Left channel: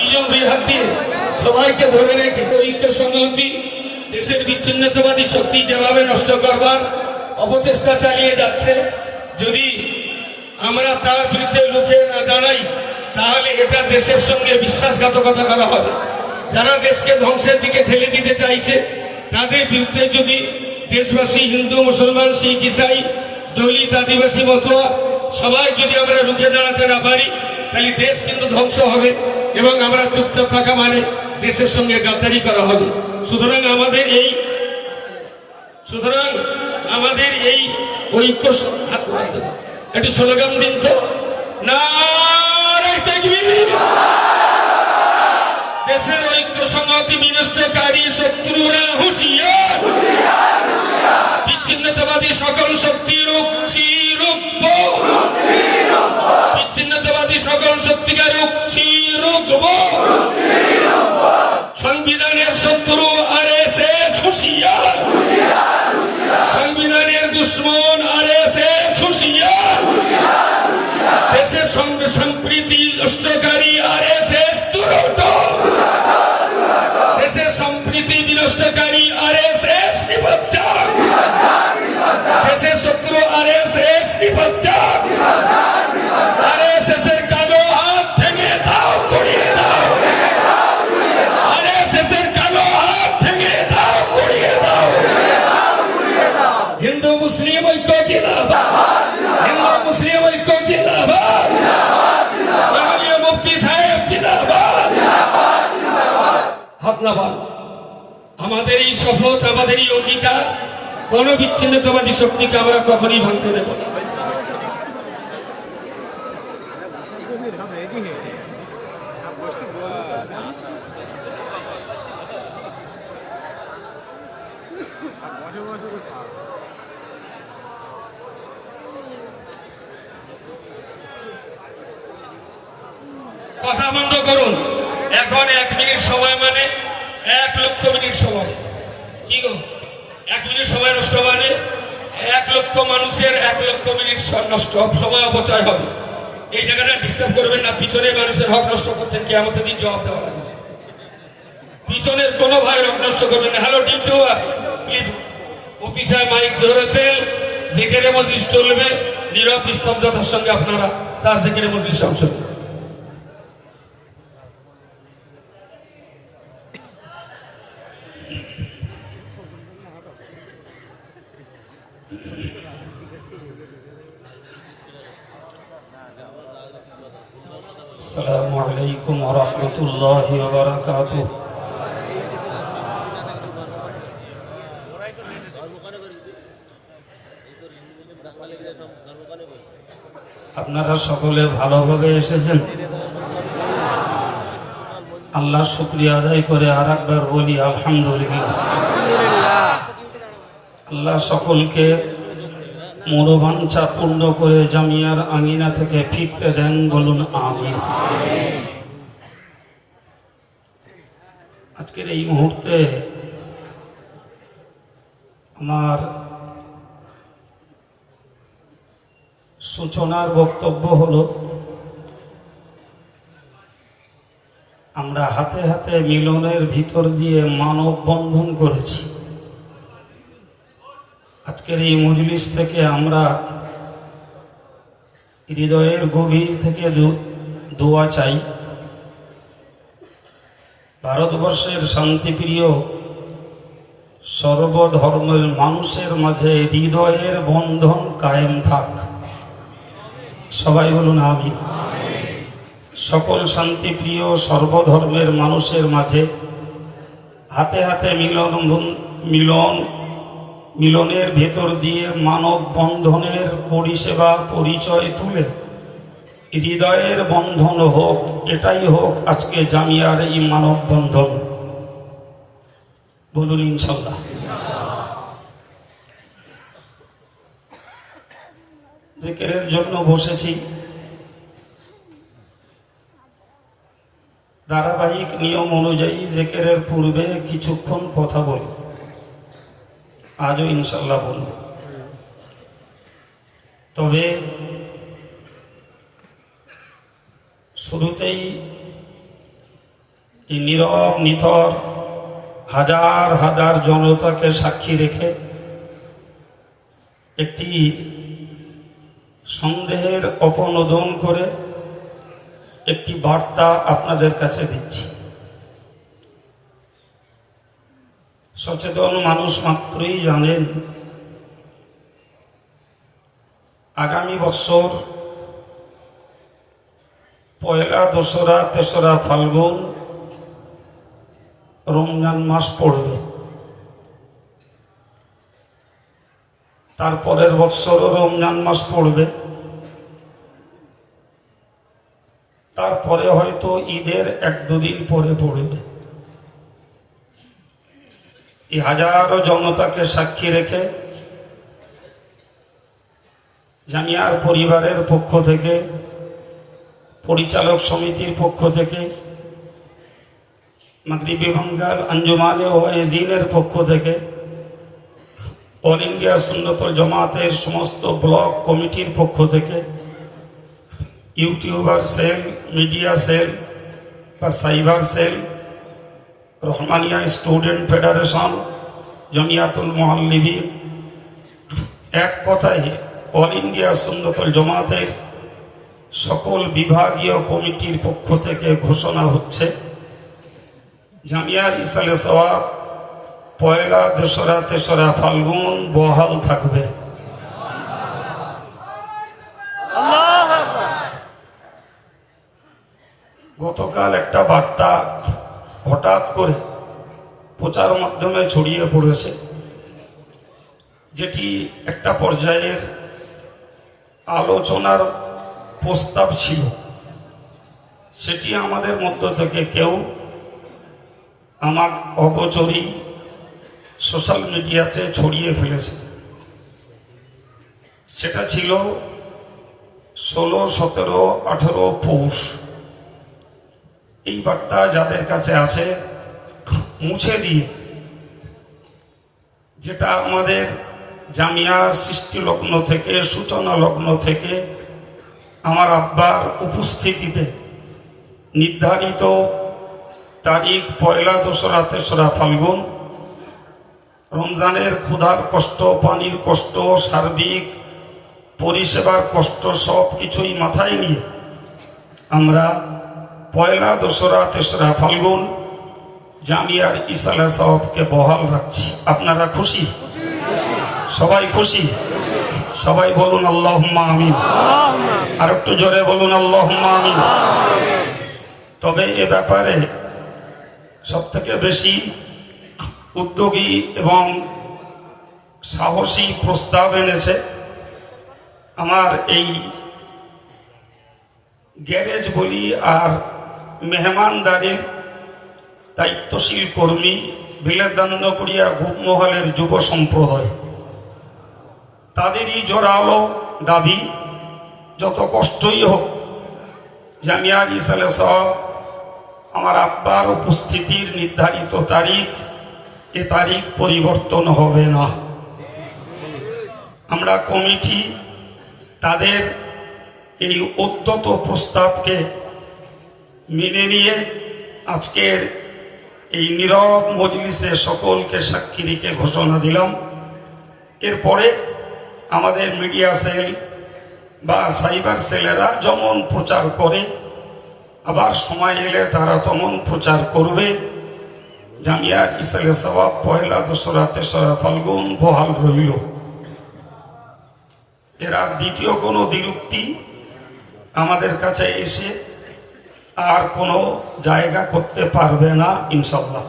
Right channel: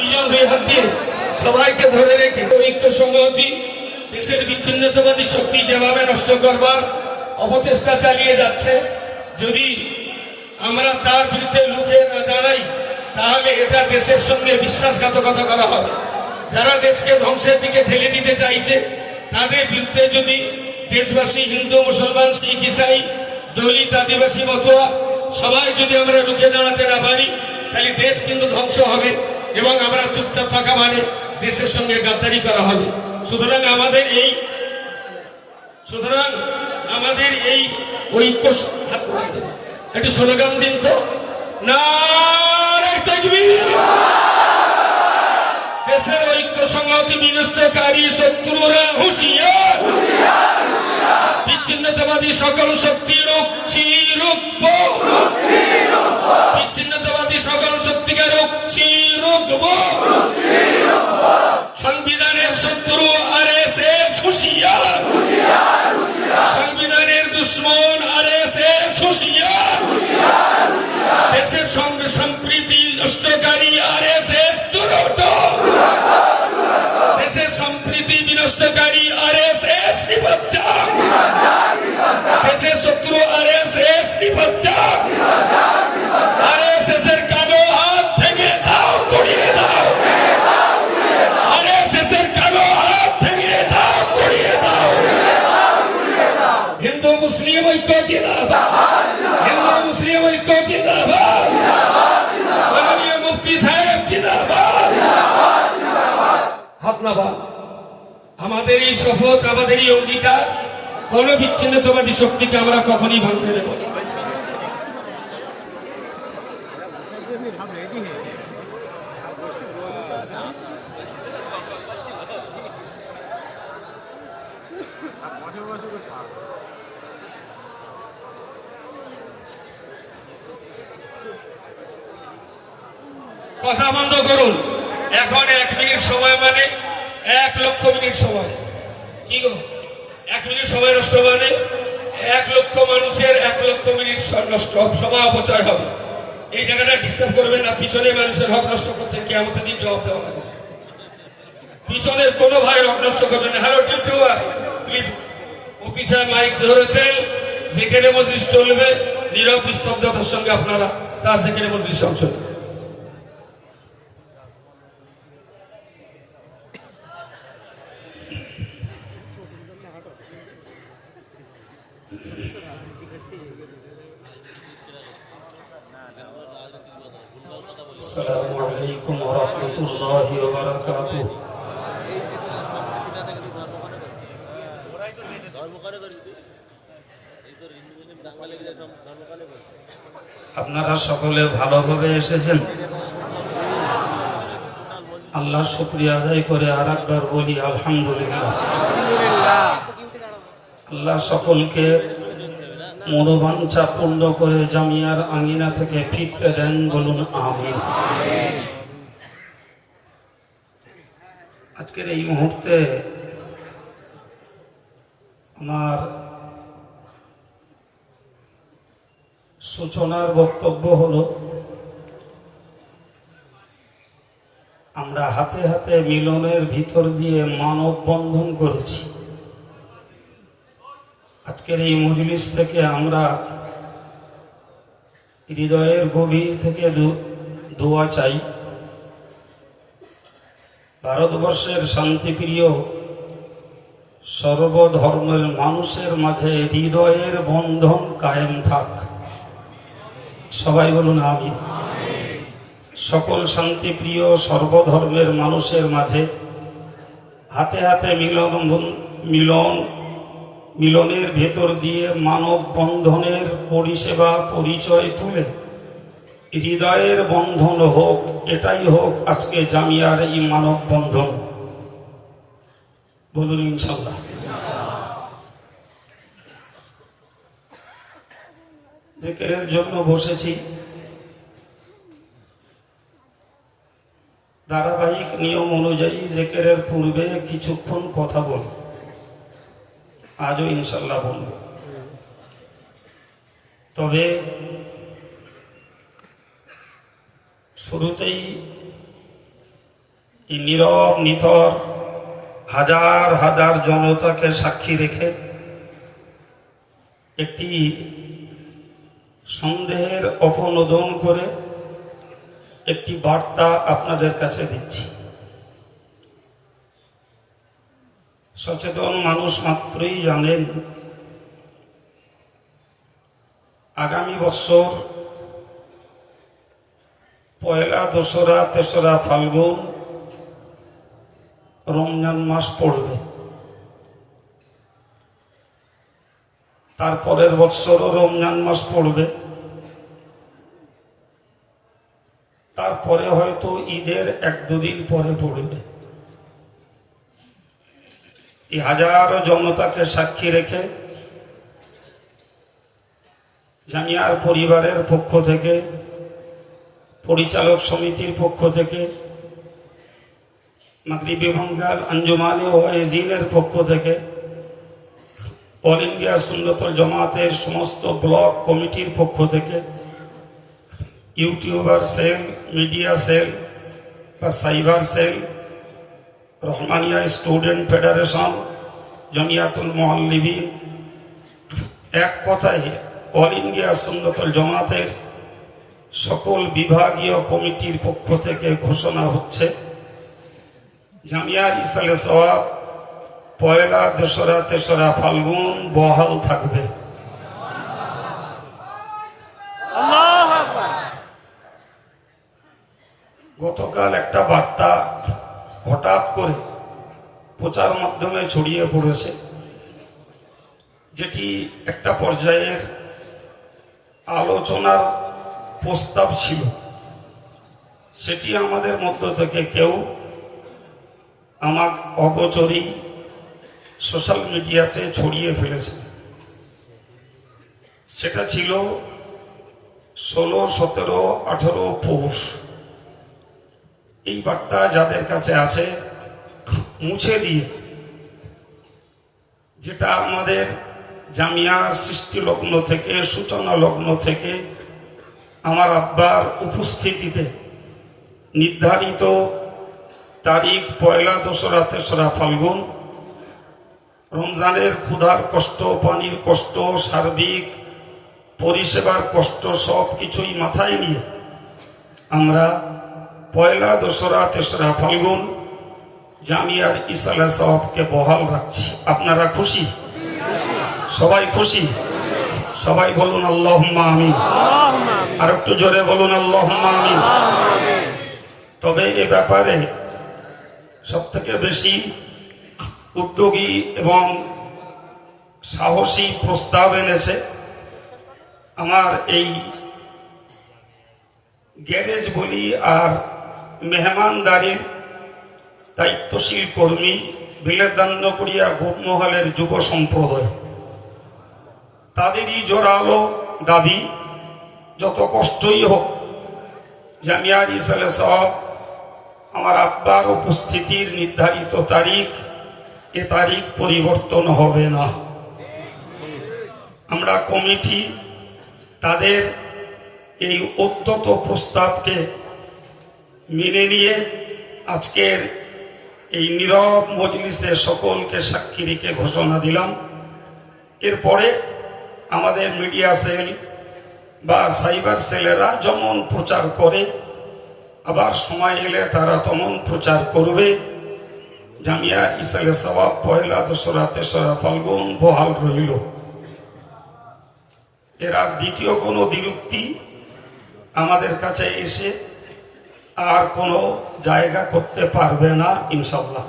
দুইজন দুই হাত দিয়ে সবাইকে ধরে রেখে ঐক্য সংহতি দেশের বিচ্ছিন্নতাবাদী শক্তি যেভাবে নষ্ট করবার অপচেষ্টা চালিয়ে যাচ্ছে, যদি আমরা তার বিরুদ্ধে রুখে না দাঁড়াই তাহলে এটা দেশের সঙ্গে বিশ্বাসঘাতকতা করা হবে। যারা দেশকে ধ্বংসের দিকে ঠেলে দিতে চাইছে তাদের বিরুদ্ধে যদি দেশবাসী, হিন্দু, মুসলমান, শিখ, ইসাই, দলিত, আদিবাসী, মতুয়া সবাই যদি আমরা রুখে দাঁড়াতে না পারি তাহলে দেশ কিন্তু ধ্বংস হবে এবং আমরা চুপচাপ থাকা মানে দেশের সঙ্গে গাদ্দারি করা হবে। সুতরাং আমাদের এই ঐক্য একটি স্লোগান দিন তো, নারে তাকবীর। দেশের ঐক্য সংহতি বিনষ্টকারী শত্রুরা হুঁশিয়ার, বিচ্ছিন্নতাবাদী সকল শক্তি রুখছি রুখব, বিচ্ছিন্নতাবাদী সকল শক্তিকে রুখছি রুখব। সংবিধানের শত্রু আরএসএস হুঁশিয়ার, সংবিধানের দুশ্মন আরএসএস হুঁশিয়ার, দেশের সঙ্গে সম্প্রীতি নষ্টকারী আরএসএস দুরন্ত, দেশের সম্প্রীতি বিনষ্টকারী আরএসএস নিপজ্জাক, দেশের শত্রু আরএসএস নিপজ্জাক। আরএসএস এর কালো হাত ভেঙে দাও, গড়িয়ে দাও। আরএসএস এর কালো হাত ভেঙে দাও, গড়িয়ে দাও। হিন্দু মুসলিম ঐক্য জিন্দাবাদ, হিন্দু মুসলিম ঐক্য জিন্দাবাদ, মাননীয় মুফতি সাহেব জিন্দাবাদ। ধন্যবাদ। আমাদের এই শপথ, আমাদের এই অঙ্গীকার, কোন বিচ্ছিন্নতাবাদী শক্তিকে আমরা কখনই ভাঙতে দেব না। কথা বন্ধ করুন। এখন 1 মিনিট সময় মানে 1 লক্ষ মিনিট সময়। কি গো, 1 মিনিট সময় নষ্ট মানে 1 লক্ষ মানুষের 1 লক্ষ মিনিট নষ্ট, সময় অপচয় হবে। এই জায়গাটা ডিস্টার্ব করবেন না। পিছনের মানুষের হক নষ্ট করছেন, কিয়ামতের দিন জবাব দেওয়া লাগবে। পিছনের কোনো ভাই হক নষ্ট করবেন না। হ্যালো ডিউটি প্লিজ, মুফতি সাহেব মাইক ধরেছেন, যেখানে মজলিস চলবে নীরব নিস্তব্ধতার সঙ্গে আপনারা তার যেখানে মজলিস অংশ নেন। আসসালামু আলাইকুম ওয়া রাহমাতুল্লাহি ওয়া বারাকাতুহু। আপনারা সকলে ভালোভাবে এসেছেন। আল্লাহ শুকরিয়া আদায় করে আরেকবার বলি আলহামদুলিল্লাহ। আল্লাহ সকলকে মনোবাঞ্ছা পূর্ণ করে জামিয়ার আঙিনা থেকে ফিরতে দেন, বলুন আমিন। আজকের এই মুহূর্তে আমার সূচনার বক্তব্য হলো, আমরা হাতে হাতে মিলনের ভিতর দিয়ে মানববন্ধন করেছি। আজকের এই মজলিস থেকে আমরা হৃদয়ের গভীর থেকে দোয়া চাই, ভারতবর্ষের শান্তিপ্রিয় সর্বধর্মের মানুষের মাঝে হৃদয়ের বন্ধন কায়েম থাক। সবাই বলুন আমিন। সকল শান্তিপ্রিয় সর্বধর্মের মানুষের মাঝে হাতে হাতে মিলনের ভেতর দিয়ে মানব বন্ধনের পরিষেবা পরিচয় তুলে হৃদয়ের বন্ধন হোক, এটাই হোক আজকে জামিয়ার এই মানব বন্ধন। বলুন ইনশাল্লাহ। জিকিরের জন্য বসেছি, ধারাবাহিক নিয়ম অনুযায়ী জিকিরের পূর্বে কিছুক্ষণ কথা বলি, আজও ইনশাল্লাহ বলব। তবে শুরুতেই এই নীরব নিথর হাজার হাজার জনতাকে সাক্ষী রেখে একটি সন্দেহের অপনোদন করে একটি বার্তা আপনাদের কাছে দিচ্ছি। সচেতন মানুষ মাত্রই জানেন আগামী বছর পয়লা, দোসরা, তেসরা ফাল্গুন রমজান মাস পড়বে। তারপরের বৎসরও রমজান মাস পড়বে। তারপরে হয়তো ঈদের 1-2 দিন পরে পড়বে। এই হাজারো জনতাকে সাক্ষী রেখে জামিয়ার পরিবারের পক্ষ থেকে, পরিচালক সমিতির পক্ষ থেকে, মাগরিবি বাঙ্গাল আঞ্জুমানে ওয়াইজিনের পক্ষ থেকে, অল ইন্ডিয়া সুন্নতুল জামাতের সমস্ত ব্লক কমিটির পক্ষ থেকে, ইউটিউবার সেল, মিডিয়া সেল বা cyber cell, Rahmania student federation, Jamiatul Muallimin, এক কথায় অল ইন্ডিয়া সুন্নতুল জামাতের সকল বিভাগীয় কমিটির পক্ষ থেকে ঘোষণা হচ্ছে জামিয়ার ইসালে সওয়াব পয়লা, দোসরা, তেসরা ফাল্গুন বহাল থাকবে। গতকাল একটা বার্তা হঠাৎ করে প্রচার মাধ্যমে ছড়িয়ে পড়েছে, যেটি একটা পর্যায়ের আলোচনার প্রস্তাব ছিল। সেটি আমাদের মধ্য থেকে কেউ আমার অগোচরেই সোশ্যাল মিডিয়াতে ছড়িয়ে ফেলেছে। সেটা ছিল 16, 17, 18 পৌষ। এই বার্তা যাদের কাছে আছে মুছে দিয়ে, যেটা আমাদের জামিয়ার সৃষ্টি লগ্ন থেকে, সূচনা লগ্ন থেকে আমার আব্বার উপস্থিতিতে নির্ধারিত তারিখ পয়লা, দোসরা, তেসরা ফাল্গুন, রমজানের ক্ষুধার কষ্ট, পানির কষ্ট, সার্বিক পরিষেবার কষ্ট সব কিছুই মাথায় নিয়ে আমরা পয়লা, দোসরা, তেসরা ফাল্গুন জামিয়ার ইসালে সওয়াবকে বহাল রাখছি। আপনারা খুশি? সবাই খুশি? সবাই বলুন আল্লাহুম্মা আমিন। আর একটু জোরে বলুন আল্লাহুম্মা আমিন। তবে এ ব্যাপারে সব থেকে বেশি উদ্যোগী এবং সাহসী প্রস্তাব এনেছে আমার এই গ্যারেজ বলি আর মেহমানদারির দায়িত্বশীল কর্মী বিলেদান্নকুড়িয়া গোপমহলের যুব সম্প্রদায়। তাদেরই জোরালো দাবি, যত কষ্টই হোক জামিয়ার ইসালে সওয়াব আমার আব্বার উপস্থিতির নির্ধারিত তারিখ, এ তারিখ পরিবর্তন হবে না। আমরা কমিটি তাদের এই উদ্যত প্রস্তাবকে মেনে নিয়ে আজকের এই নীরব মজলিসে সকলকে সাক্ষী রেখে ঘোষণা দিলাম। এরপরে আমাদের মিডিয়া সেল বা সাইবার সেলেরা যেমন প্রচার করে, আবার সময় এলে তারা তেমন প্রচার করবে। জামিয়ার ইসালে সওয়াব পয়লা, দোসরা, তেসরা ফাল্গুন বহাল রইল। এর আর দ্বিতীয় কোনো দ্বিরুক্তি আমাদের কাছে এসে আর কোনো জায়গা করতে পারবে না ইনশাল্লাহ।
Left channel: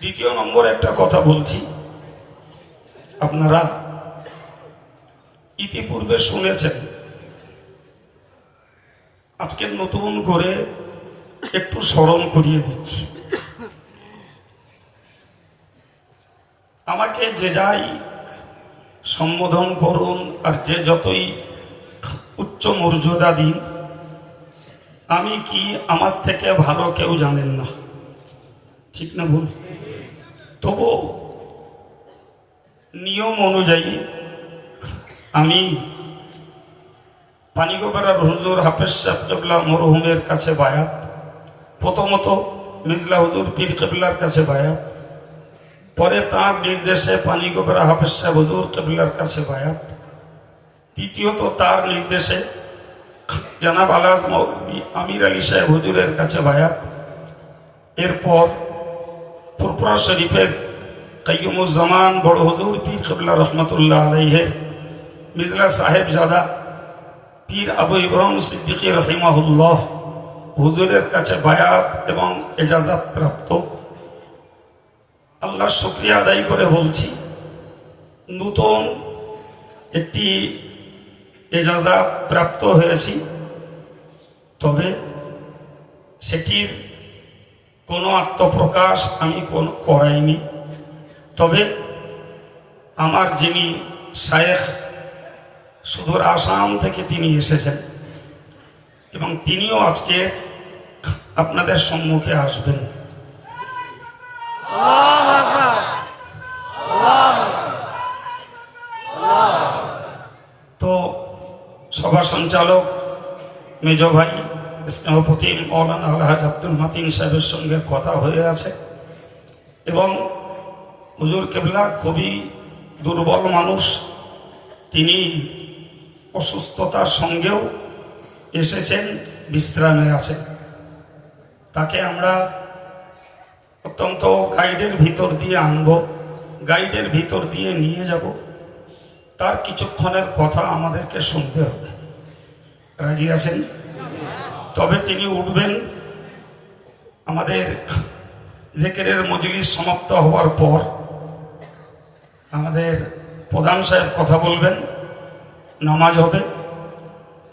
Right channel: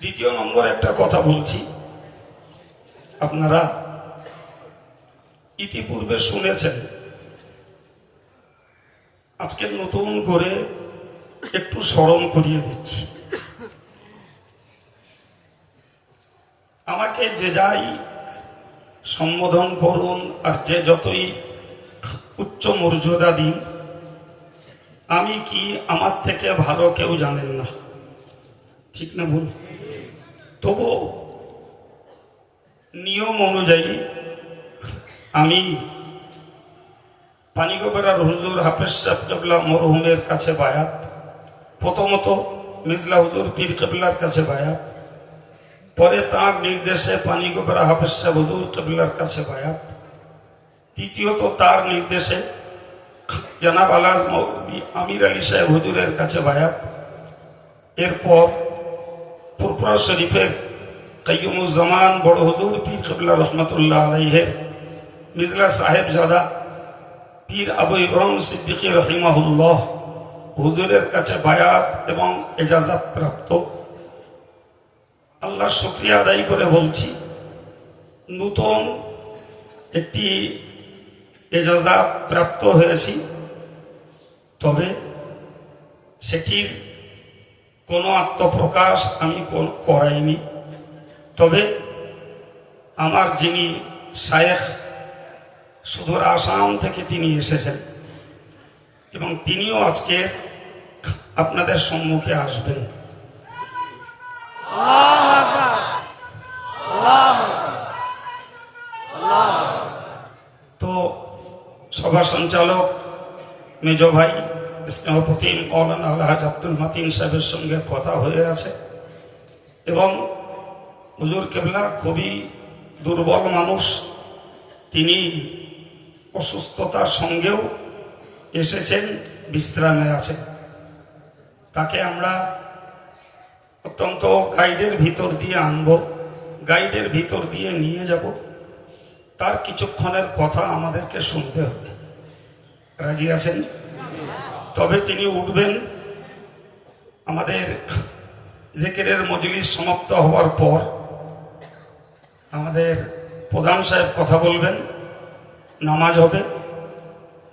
দ্বিতীয় নম্বর একটা কথা বলছি, আপনারা ইতিপূর্বে শুনেছেন, আজকে নতুন করে একটু স্মরণ করিয়ে দিচ্ছি। আমাকে যে যাই সম্বোধন করুন আর যে যতই উচ্চ মর্যাদা দিন, আমি কি আমার থেকে ভালো কেউ জানেন না, ঠিক না ভুল? তবু নিয়ম অনুযায়ী আমি পানিগোপাড়ার হুজুর হাফেজ সাহেব কেবলা মরহুমের কাছে বায়াত, প্রথমত মিজলা হুজুর পীর কেবলার কাছে বায়াত, পরে তাঁর নির্দেশে পানিগোপাড়া হাফেজ সাহেব হুজুর কেবলার কাছে বায়াত, তৃতীয়ত তার নির্দেশে জনাব আলাজ মৌলভী আমির আলী সাহেব হুজুরের কাছে বায়াত, এরপর ফুরফুরা শরীফের কাইয়ুমুজ্জামান বড় হুজুর পীর কেবলা রহমতুল্লাহ আলাইহের মিজলা সাহেবজাদা পীর আবু ইব্রাহিম সিদ্দিকী রহিমাহুল্লাহ হুজুরের কাছে বায়াত এবং এজাজাত প্রাপ্ত। আল্লাহ শুকরিয়া আদায় করে বলছি, নূতন একটি এজাজাত প্রাপ্ত হয়েছি, তবে সেটির কোনো আত্মপ্রকাশ আমি করাইনি। তবে আমার যিনি শায়েখ সুদূর আসাম থেকে তিনি এসেছেন এবং তিনিও আজকে আপনাদের সম্মুখে আসবেন। তো সভা সঞ্চালক মেজ ভাই স্নেহপতি মৌলানা আলহাজ আব্দুল মাতিন সাহেবের সঙ্গে কথা হয়ে আছে এবং হুজুর কেবলা খুবই দুর্বল মানুষ, তিনি অসুস্থতার সঙ্গেও এসেছেন, বিশ্রামে আছেন। তাকে আমরা অত্যন্ত গাইডের ভিতর দিয়ে আনব, গাইডের ভিতর দিয়ে নিয়ে যাব, তার কিছুক্ষণের কথা আমাদেরকে শুনতে হবে। রাজি আছেন? তবে তিনি উঠবেন। আমাদের জিকিরের মজলিস সমাপ্ত হওয়ার পর আমাদের প্রধান সাহেব কথা বলবেন, নামাজ হবে,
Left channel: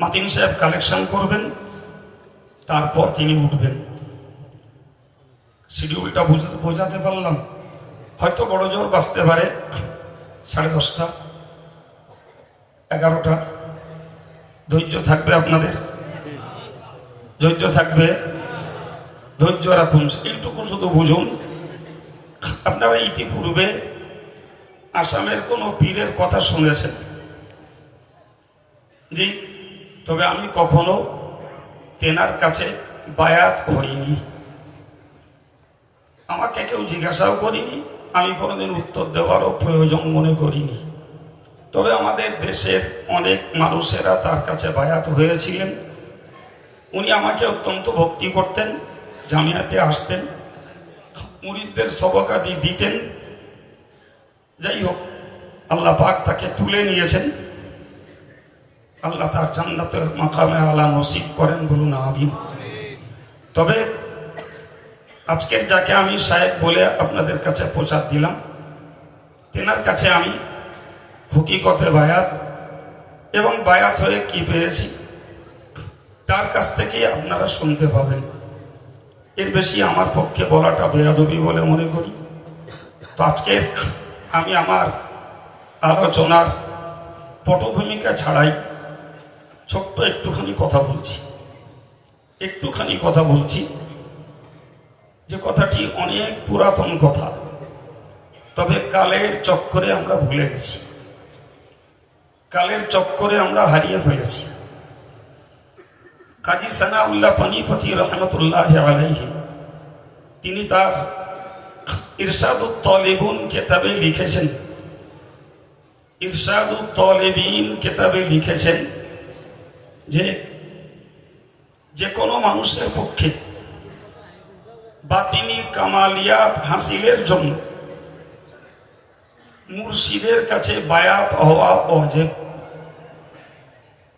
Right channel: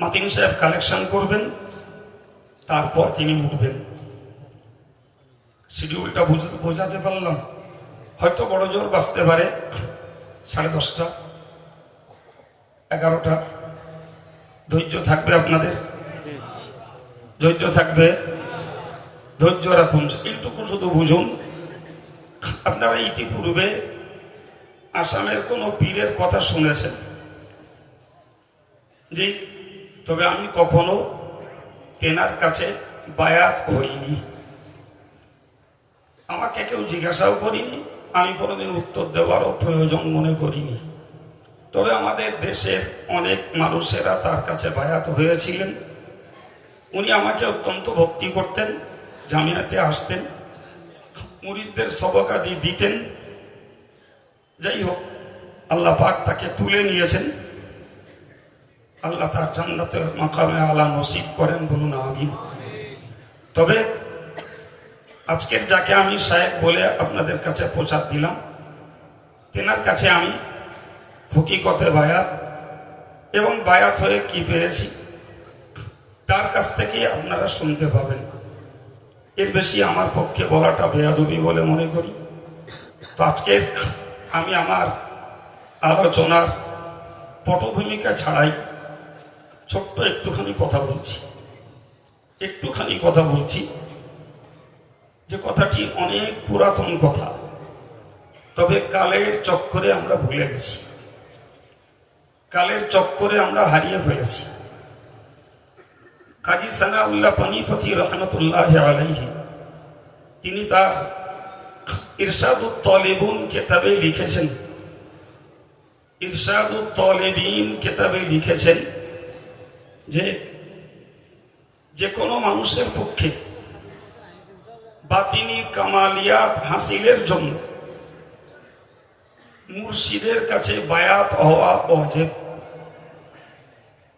মাতিন সাহেব কালেকশন করবেন, তারপর তিনি উঠবেন। শিডিউলটা বোঝাতে পারলাম? হয়তো বড় জোর বাঁচতে পারে 10:30, 11টা। ধৈর্য থাকবে আপনাদের, ধৈর্য থাকবে, ধৈর্য রাখুন। এইটুকু শুধু বুঝুন, আপনারা ইতিপূর্বে আসামের কোনো পীরের কথা শুনেছেন? জি, তবে আমি কখনো তেনার কাছে বায়াত হইনি, আমাকে কেউ জিজ্ঞাসাও করিনি, আমি কোনোদিন উত্তর দেওয়ারও প্রয়োজন মনে করিনি। তবে আমাদের দেশের অনেক মানুষেরা তার কাছে বায়াত হয়েছিলেন। উনি আমাকে অত্যন্ত ভক্তি করতেন, জামিয়াতে আসতেন, মুরিদদের সবকাদি দিতেন। যাই হোক, আল্লাহ পাক তাকে তুলে নিয়েছেন, আল্লাহ তার জান্নাতের মাকামে আলা নসিব করেন, বলুন আমিন। তবে আজকের যাকে আমি শায়েখ বলে আপনাদের কাছে প্রচার দিলাম, তেনার কাছে আমি হকিকতে বায়াত এবং বায়াত হয়ে কি পেয়েছি তার কাছ থেকেই আপনারা শুনতে পাবেন। এর বেশি আমার পক্ষে বলাটা বেয়াদবি বলে মনে করি। তো আজকে আমি আমার আলোচনার পটভূমিকা ছাড়াই ছোট্ট একটুখানি কথা বলছি, যে কথাটি অনেক পুরাতন কথা, তবে কালের চক্করে আমরা ভুলে গেছি, কালের চক্করে আমরা হারিয়ে ফেলেছি। কাজী সানাউল্লাহ পানিপতি রহমতুল্লাহ আলাইহি তিনি তার ইরশাদুত তালিবুন কিতাবে লিখেছেন, ইরশাদুত তালিবিন কিতাবে লিখেছেন যে কোনো মানুষের পক্ষে বাতিনি কামালিয়াত হাসিলের জন্য মুর্শিদের কাছে বায়াত হওয়া ওয়াজিব,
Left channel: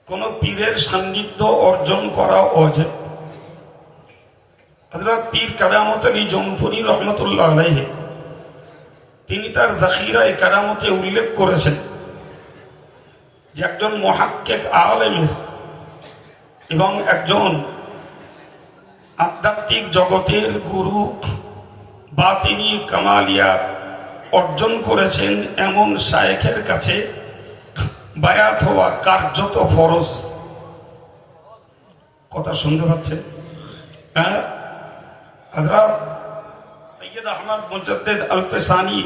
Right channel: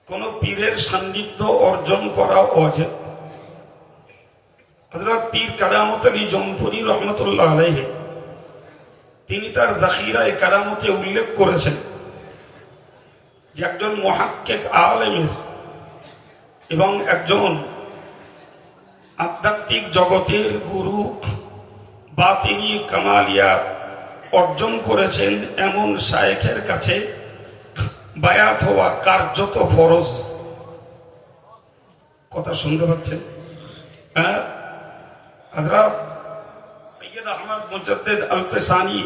কোন পীরের সান্নিধ্য অর্জন করা ওয়াজিব। হযরত পীর কারামত আলী জমপুরি রহমতুল্লাহ আলাইহি তিনি তার জাখিরায়ে কারামতে উল্লেখ করেছেন যে একজন মুহাক্কিক আলেমের এবং একজন আধ্যাত্মিক জগতের গুরু বাতিনি কামালিয়াত অর্জন করেছেন এমন শায়েখের কাছে বায়াত হওয়া কার্যত ফরজ। কথা শুনতে পাচ্ছেন? হ্যাঁ, হযরত সৈয়দ আহমদ মুজাদ্দিদ আল ফিসানি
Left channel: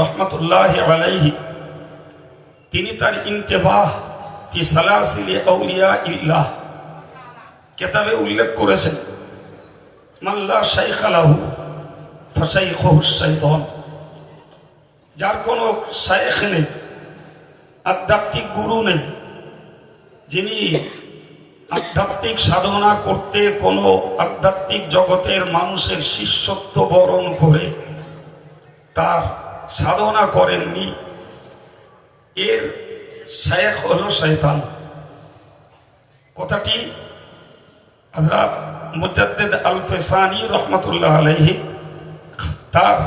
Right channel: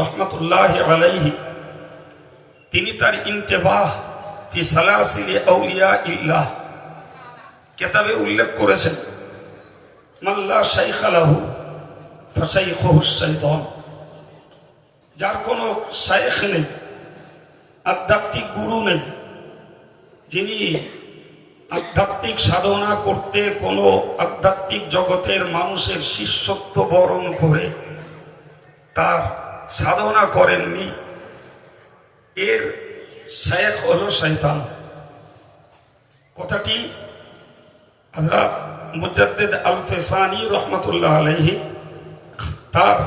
রহমতুল্লাহ আলাইহি তিনি তার ইন্তেবাহ ফি সালাসিলি আউলিয়া ইল্লাহ কিতাবে উল্লেখ করেছেন, মাল্লা শাইখা লাহু ফাশাইখুহু শাইতান, যার কোনো শাইখ নেই, আধ্যাত্মিক গুরু নেই, যিনি আধ্যাত্মিক সাধনা করতে কোনো আধ্যাত্মিক জগতের মানুষের শিষ্যত্ব বরণ করে তার সাধনা করেননি, এর শায়েখ হলো শয়তান। কথাটি হযরত মুজাদ্দিদ আল ফিসানি রহমতুল্লাহ আলাইহি তার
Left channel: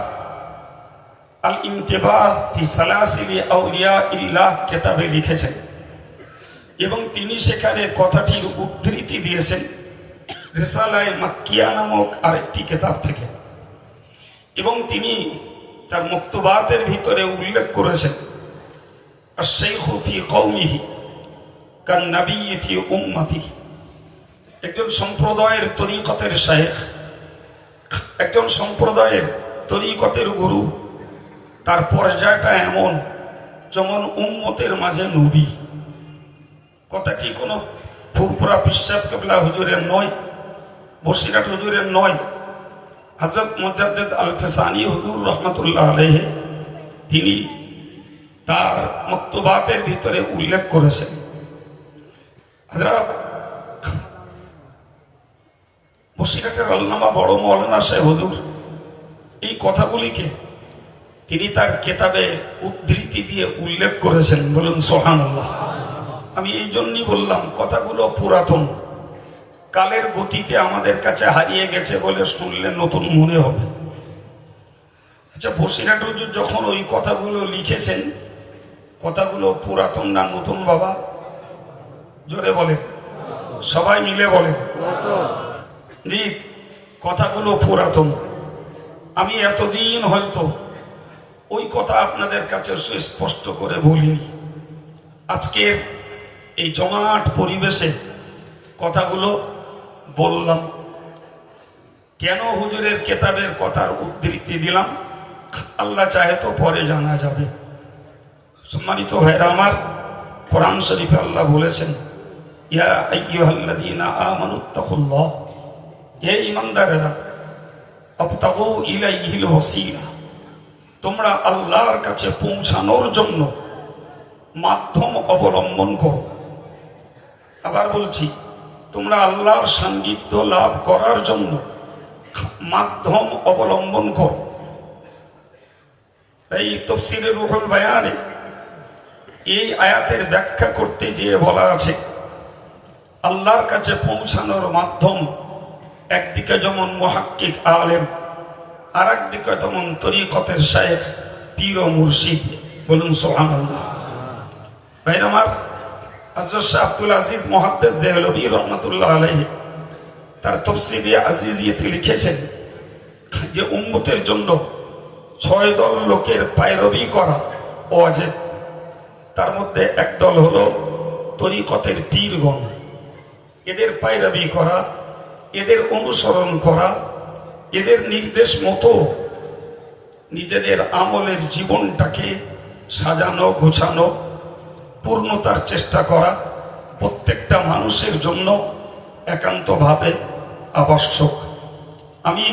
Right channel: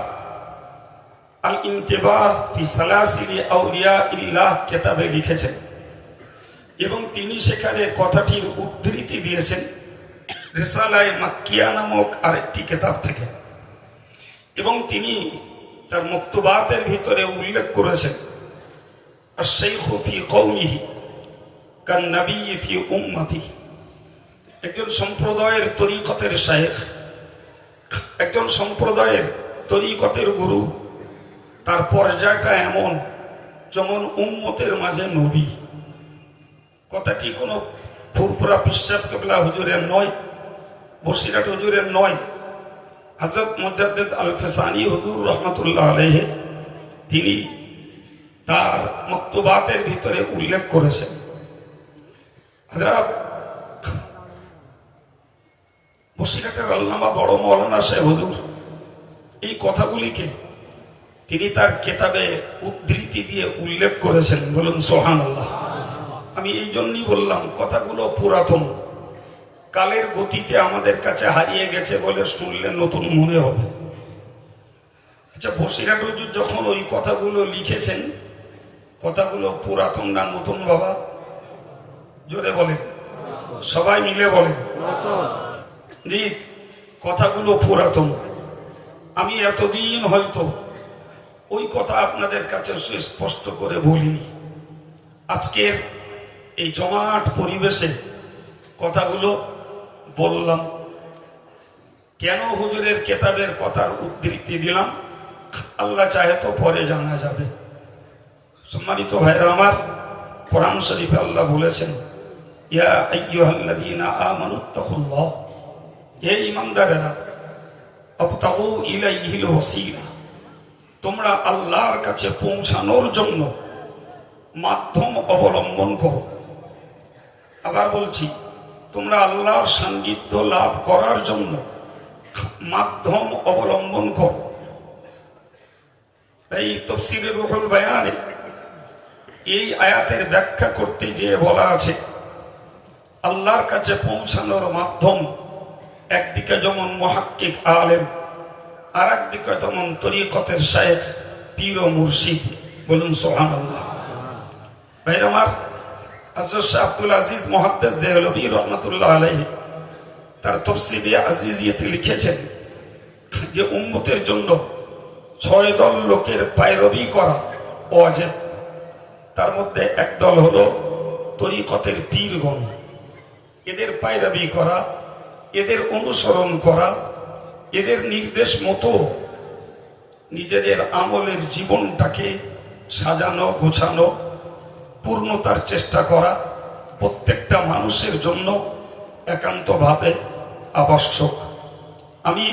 আল ইন্তিবাহ ফি সালাসিলি আউলিয়া ইল্লাহ কিতাবে লিখেছেন এবং তিনি সেখানে কথাটির উদ্ধৃতি দিয়েছেন রিসালায়ে মাক্কিয়া নামক আরেকটি কিতাব থেকে, এবং তিনি তার মক্তুবাতের ভিতরে উল্লেখ করেছেন, আশ-শাইখু ফি কওমিহি কান নবী ফি উম্মতিহি, একজন সম্প্রদায়ের তরিকতের শায়েখ, একজন সম্প্রদায়ের তরিকতের গুরু, তার পর্যায়টা এমন যেমন উম্মতের মাঝে নবী। কথাটি কোনো ফুরফুরা পিসাব কেবলা হুজুরের নয়, বসিরহাট হুজুরের নয়, হযরত মুজাদ্দিদ আল ফিসানি হুজুর রহমতুল্লাহ আলাইহি তিনি তার মক্তুবাতের ভিতরে উল্লেখ করেছেন। হযরত বসিরহাটের আল্লামা বড় মাওলানা সাহেব হুজুর এই কথাগুলিকে তিনি তার কেতাবে উদ্ধৃতি দিয়ে উল্লেখ করেছেন, বলুন সুবহানাল্লাহ। আমি এই জন্যই বললাম কথাগুলো পুরাতন, কালের গতিতে আমাদের কাছে হারিয়ে গেছে বলে শুনলে নতুন মনে হবে। আচ্ছা, বসিরহাট হুজুর যখন ওই কথাগুলো লিখেছেন, কথাগুলো পুরাতন না নতুন বাবা? জোরে বলেন, সবাই মিলে বলেন। জি, কথাগুলো পুরাতন। আমি এতদিন হয়তো ওই কথা আপনাদের কাছে সুস্পষ্ট করে বলিনি। আজকের এই জমাট পরিবেশে কথাগুলো বললাম। কেন হুজুরের কেতাবের কথার উদ্ধৃতি দিলাম আল্লাহ চাহে তো পরে জানা যাবে। সম্মানিত ভাইরা আমার, কোরআন শরীফে আল্লাহ বলেছেন, ইয়া আইয়ুহাল্লাযীনা আমানুত্তাকুল্লাহ, হে ঈমানদারেরা, আবতাগু ইলাইহিল ওয়াসিলা, তোমরা আল্লাহর কাছে পৌঁছানোর জন্য মাধ্যম অবলম্বন করো। আবার বলছি, তোমরা আল্লাহর সান্নিধ্য লাভ করার জন্য মাধ্যম অবলম্বন করো। এই তাফসীরে রুহুল বায়ানে এই আয়াতের ব্যাখ্যা করতে গিয়ে বলা আছে, আল্লাহর কাছে পৌঁছানোর মাধ্যম একদিকে যেমন মুহাক্কিক আলেম, আর একদিকে তেমন তরিকতের শায়েখ, পীর ও মুর্শিদ, বলুন সুবহানাল্লাহ। ভাইরা আমার, হযরত শাহ আব্দুল আজিজ মুহাদ্দিস দেহলভী রহমাতুল্লাহ আলাইহি তার তাফসীরে আজিজিয়াতে লিখেছেন যে উম্মতের জন্য 6 দল লোকের পায়রবি করা ওয়াজিব। তার মধ্যে এক দল হলো তরিকতের পীরগণ, এদের পায়রবি করা, এদের অনুসরণ করা, এদের নির্দেশ মতো নিজেদের আমলের জীবনটাকে সাজানো গোছানো, পূর্ণতার চেষ্টা করা প্রত্যেকটা মানুষের জন্য একান্তভাবে আবশ্যক। আমি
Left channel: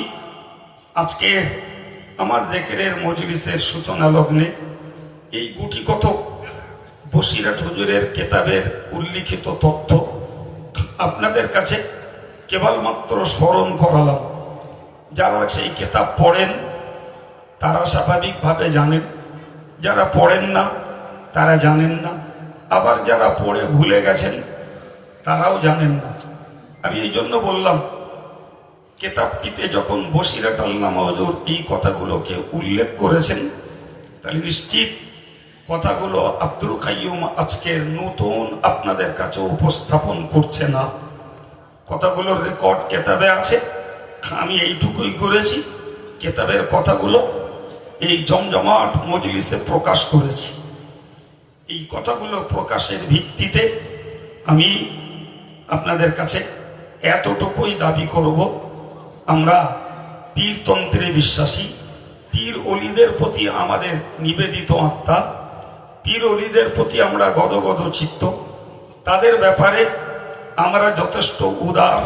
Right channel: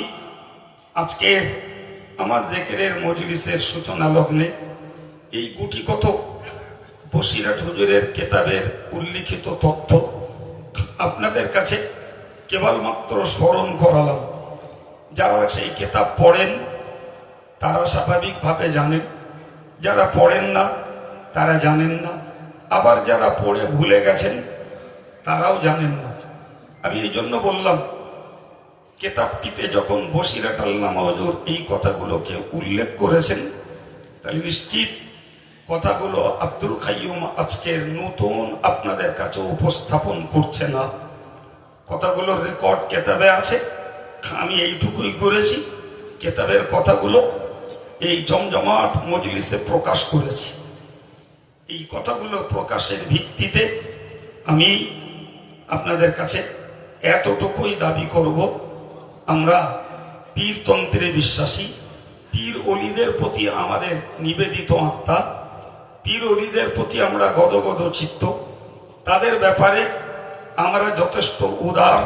আজকের আমার জিকিরের মজলিসের সূচনা লগ্নে এই গুটি কতক বসিরহাট হুজুরের কেতাবের উল্লিখিত তথ্য আপনাদের কাছে কেবলমাত্র স্মরণ করালাম। যারা সেই কেতাব পড়েন তারা স্বাভাবিকভাবে জানেন, যারা পড়েন না তারা জানেন না, আবার যারা পড়ে ভুলে গেছেন তারাও জানেন না। আমি এই জন্য বললাম, কেতাবটিতে যখন বসিরহাট আল্লামা হুজুর এই কথাগুলোকে উল্লেখ করেছেন, তাহলে নিশ্চিত কথাগুলো আব্দুল কাইয়ুম আজকের নতুন আপনাদের কাছে উপস্থাপন করছে না। কথাগুলোর রেকর্ড কেতাবে আছে, আমি এইটুকুই করেছি, কেতাবের কথাগুলো এই জমজমাট মজলিসে প্রকাশ করেছি। এই কথাগুলো প্রকাশের ভিত্তিতে আমি আপনাদের কাছে এতটুকুই দাবি করব, আমরা পীরতন্ত্রে বিশ্বাসী, পীর অলিদের প্রতি আমাদের নিবেদিত আত্মা, পীর অলিদের প্রতি আমরা গদগদ চিত্ত, তাদের ব্যাপারে আমরা যথেষ্ট উদার